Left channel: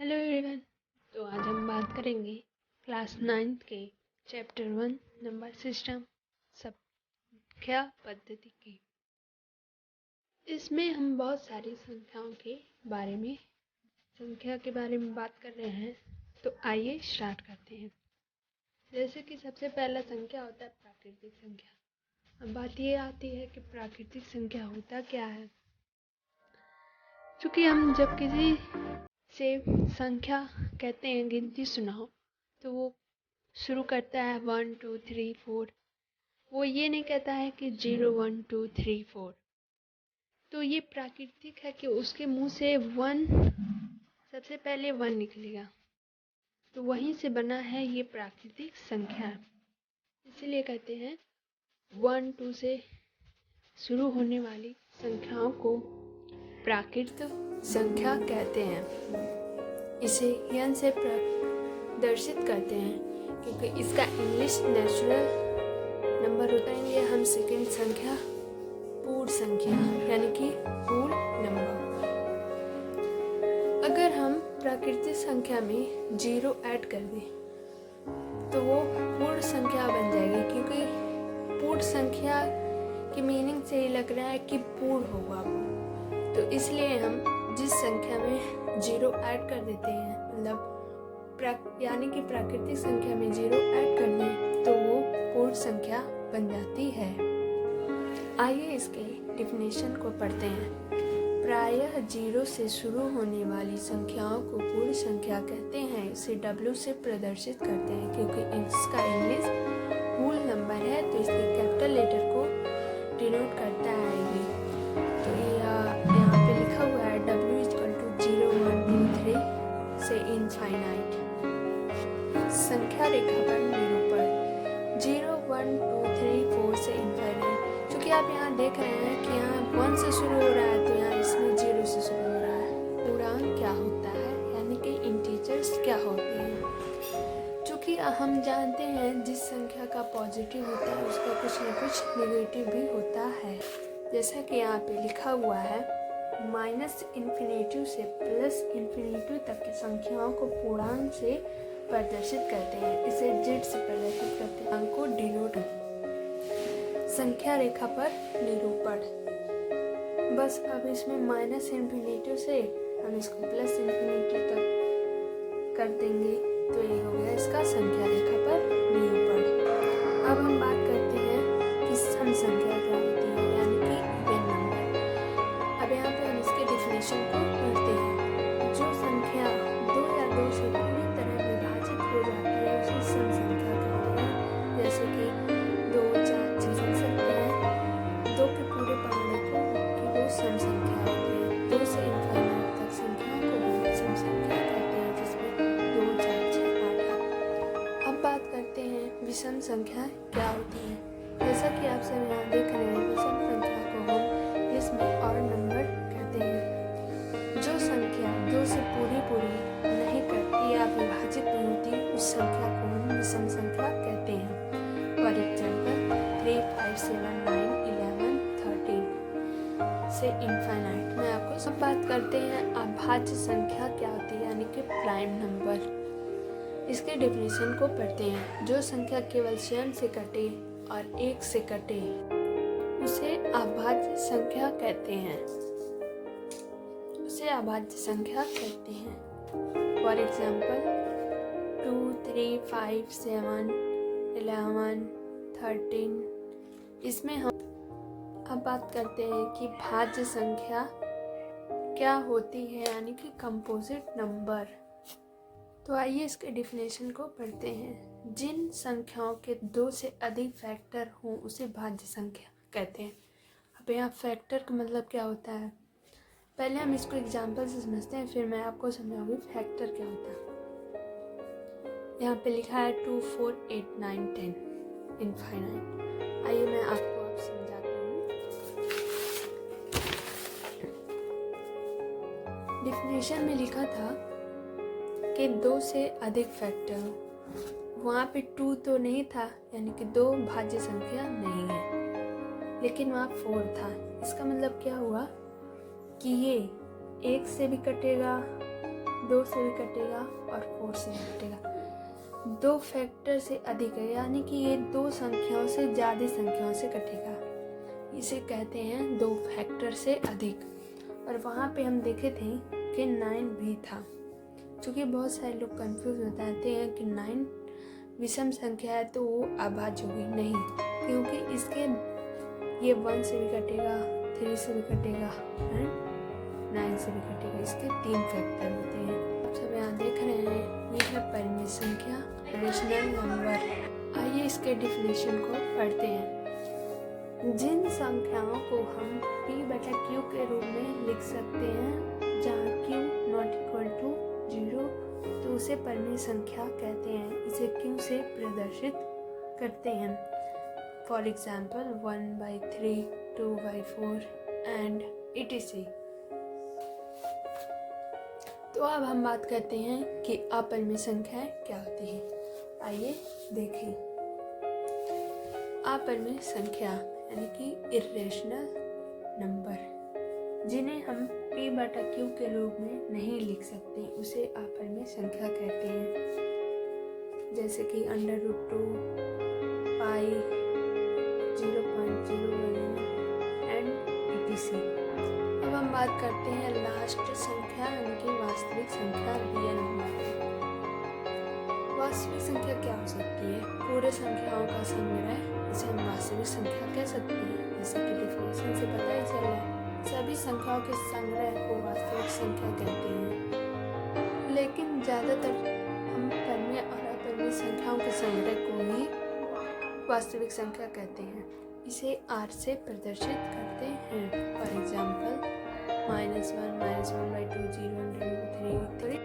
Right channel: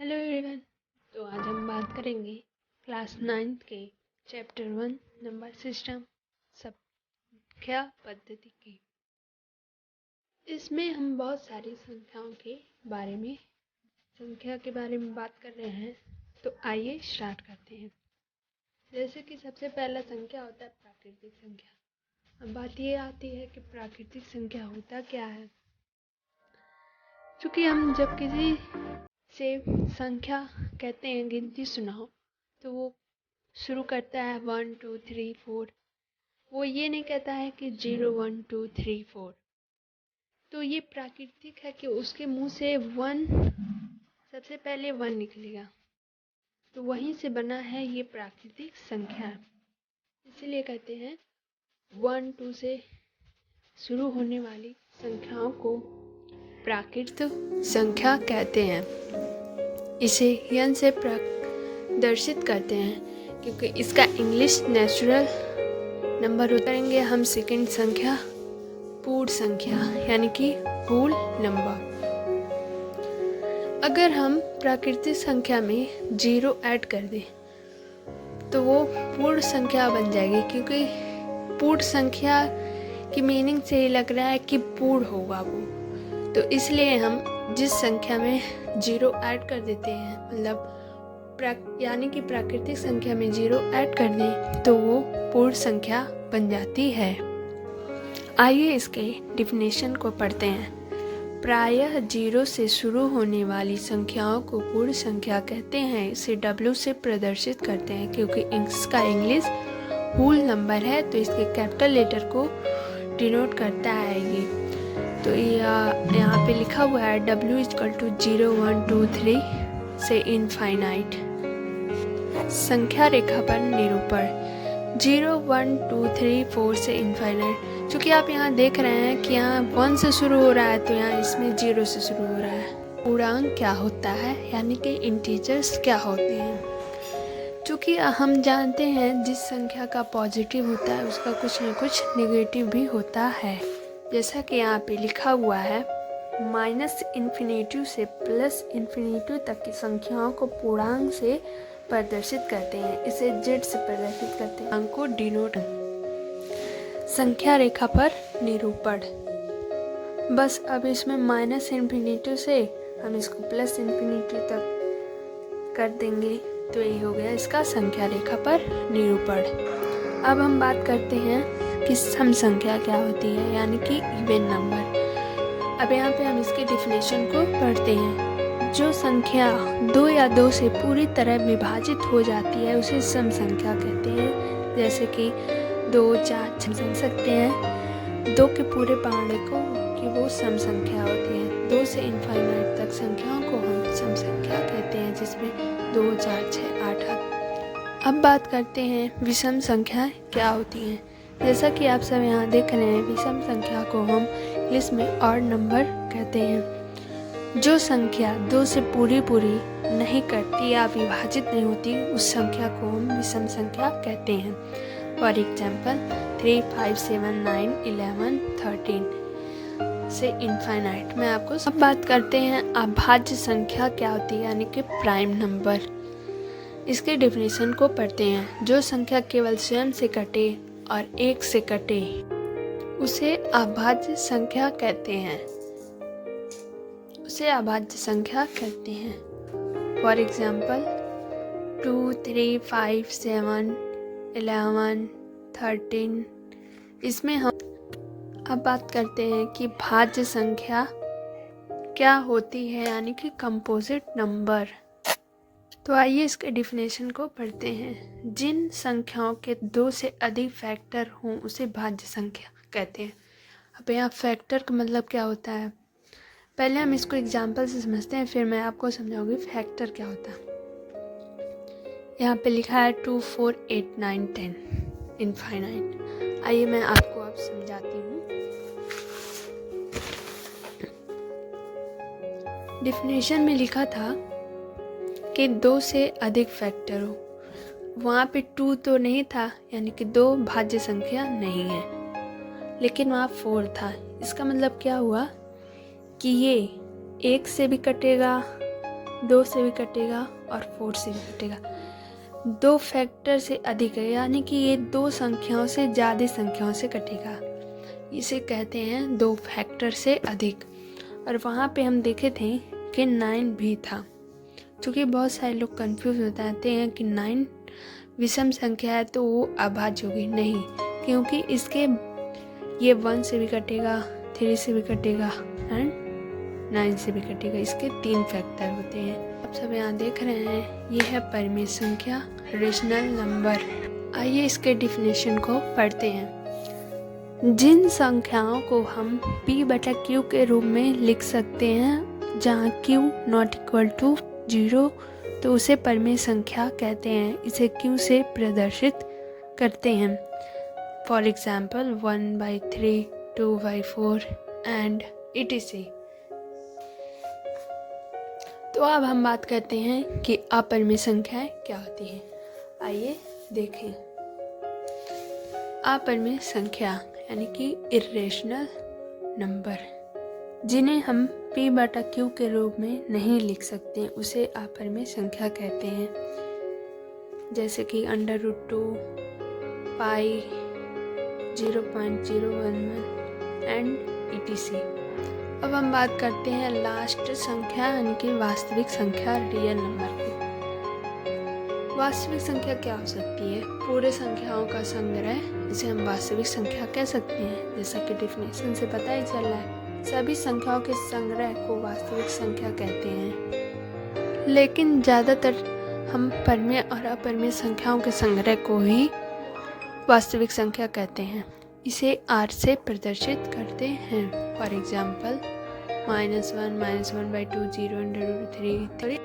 Hello everyone. तो आज हम बात करेंगे क्लास 9th के चैप्टर 1 नंबर सिस्टम संख्या पद्धति की। इसमें हम बहुत सारी संख्या के बारे में बात कर रहे हैं। तो आइए स्टार्ट करते हैं। जैसे कि सबसे पहला संख्या होता है प्राकृतिक संख्या। अब बात ये आती है कि प्राकृतिक संख्या होता क्या है। क्योंकि हम जब किसी से संख्या कहते हैं, गिनती सुनाओ, तो वो शुरू करता है 1 2 3 4। वो ये नहीं कहता है कि 0 1 2 3 4। तो ये प्राकृतिक है कि उसके मुंह से सबसे पहले 1 निकलेगा, तो वहीं से बना है ये प्राकृतिक संख्या। इसीलिए कहते हैं 1 2 से शुरू होने वाली संख्याओं को प्राकृतिक संख्या कहते हैं। इसे n से प्रदर्शित करते हैं क्योंकि इसका इंग्लिश नेचुरल नंबर उतारेंगे हम सेकंड संख्या पूर्ण संख्या यानी कि होल नंबर। अगर हम प्राकृतिक संख्या में 0 ऐड कर दें तो वो पूर्ण संख्या बन जाएगी, क्योंकि पूर्ण संख्या की मीनिंग से ही लग रहा है कि पूर्ण होगा वो। तो इसलिए हम जिस संख्या में 0 ऐड कर देते हैं, मतलब यानी कि प्राकृतिक संख्या में 0 ऐड कर दें तो वो पूर्ण संख्या बन जाती है। आइए इसके डिफिनेशन को पढ़ते हैं। प्रायः 0 से शुरू होने वाली संख्याओं को पूर्ण संख्या कहते हैं। इसे W से प्रदर्शित करते हैं क्योंकि इसका इंग्लिश होल नंबर है, तो इसके कैपिटल लेटर को डिनोट करता है ये। तो यहाँ पे लिखा हुआ है W = 0 1 2 3 से इनफाइनाइट। संख्या रेखा पर निरूपण 0 1 2 3 4 से इनफाइनाइट। चूँकि आप यहाँ देख रहे हैं कि यहाँ 1 से शुरू हो रहा है, तो यहाँ इसमें 0 से शुरू हो रहा है। पूर्णांक क्या होता है, यानी कि इंटीजर्स क्या होते हैं। चूँकि हम जानते हैं जिस संख्या का पॉजिटिव होता है उसका कुछ न कुछ नेगेटिव भी होता है। जैसा कि यहाँ पे लिखा हुआ है, -∞ से +∞ तक की संख्याओं को पूर्णांक से प्रदर्शित करते हैं। इसे Z से प्रदर्शित करते हैं। अंक को डिनोट। संख्या रेखा पर निरूपण। बस अब इसमें -∞ से हम इसको +∞ तक कर देंगे, तो ये हो गया इसका संख्या रेखा पर निरूपण। अब हम बात करते हैं कि सम संख्या क्या होती है, यानी कि इवन नंबर। अब यहाँ पे हम इसके डिफिनेशन को पढ़ते हैं। जो संख्या 2 या 2 से पूरी तरह विभाजित हो जाती है उसे सम संख्या कहते हैं। जैसे कि 2 4 समझ सकते हैं 2 के पूरे पाने को कि वो सम संख्या होती है। 2 से इनफाइनाइट तक संख्याओं को हम सम संख्या कहते हैं, जिसमें 2 4 6 8। अब बात करते हैं विषम संख्या क्या होती हैं। जैसा कि आप सब यहाँ देख रहे हैं, विषम संख्या को हम इंग्लिश में ऑड नंबर कहते हैं। जो संख्या 2 से पूरी नहीं कटती या विभाजित नहीं होती, उस संख्या को हम विषम संख्या कहते हैं। फॉर एग्जाम्पल 3 5 7 9 11 13 से इनफाइनाइट। मैं आपको सब बात करते हैं अभाज्य संख्या क्या होती है, यानी कि प्राइम नंबर। इसके डेफिनेशन को पढ़ते हैं। जो संख्या केवल स्वयं से कटे और 1 से कटे उसे अभाज्य संख्या कहते हैं। For example 2 3 5 7 11 13। इसमें हम अब बात करते हैं कि भाज्य संख्या क्या होती है, यानी कि कंपोजिट नंबर। तो आइए इसके डिफिनेशन को पढ़ते हैं। जिन संख्याओं के 2 से अधिक फैक्टर हों उसे भाज्य संख्या कहते हैं। अब यहाँ फैक्टर का मतलब क्या होता है, पहले हम इसको एग्जाम्पल से समझते हैं, फिर मैं आपको समझाऊंगी फैक्टर क्या होता है। यहाँ पे लिखा है 2 4 8 9 10 इनफाइनाइट। आइए मैं आपको अब समझाती हूँ। डिफिनेशन में लिखा था कि 2 से अधिक फैक्टर हो। वहाँ पे 2 तो नहीं था, यानी कि 2 भाज्य संख्या नहीं है, लेकिन वहाँ 4 था। इसका मतलब क्या हुआ कि ये 1 से भी कटेगा 2 से भी कटेगा और 4 से भी कटेगा। 2 फैक्टर से अधिक है, यानी कि ये 2 संख्याओं से ज़्यादा संख्याओं से कटेगा, इसे कहते हैं 2 फैक्टर से अधिक। और वहाँ पे हम देखे थे कि 9 भी था, क्योंकि बहुत सारे लोग कंफ्यूज हो जाते हैं कि 9 विषम संख्या है तो वो अभाज्य होगी। नहीं, क्योंकि इसके ये 1 से भी कटेगा, 3 से भी कटेगा एंड 9 से भी कटेगा। इसके 3 फैक्टर होते हैं। आप सब यहाँ देख रहे हैं, ये है परिमेय संख्या, रेशनल नंबर। आइए इसके डिफिनेशन को पढ़ते हैं। जिन संख्याओं को हम p/q के रूप में लिख सकते हैं, जहाँ q नॉट इक्वल टू 0, तो उसे परिमेय संख्या कहते हैं। इसे q से प्रदर्शित करते हैं। For example 1/3, 2/4 and etc। तो अब हम बात करते हैं कि अपरिमेय संख्याएं क्या होती हैं। आइए देखें। अपरिमेय संख्या यानी कि इर्रेशनल नंबर, जिन्हें हम p/q के रूप में नहीं लिख सकते, उसे अपरिमेय संख्या कहते हैं। जैसे कि √2, पाई, 0.011 एंड etc। अब हम बात करते हैं लास्ट संख्या यानी कि वास्तविक संख्या, रियल नंबर की। वास्तविक संख्या क्या हो सकती है? पूरे संख्याओं का संग्रह, इसे हम वास्तविक संख्या कह सकते हैं। जैसा कि डिफिनेशन से पता ही चल रहा है, सभी संख्याओं के संग्रह को वास्तविक संख्या कहते हैं। लेकिन ज़्यादातर हम परिमेय और अपरिमेय संख्याओं के संग्रह को ही वास्तविक संख्या कहते हैं। इसे r से प्रदर्शित करते हैं। For example -1, -1/2, 0 √3।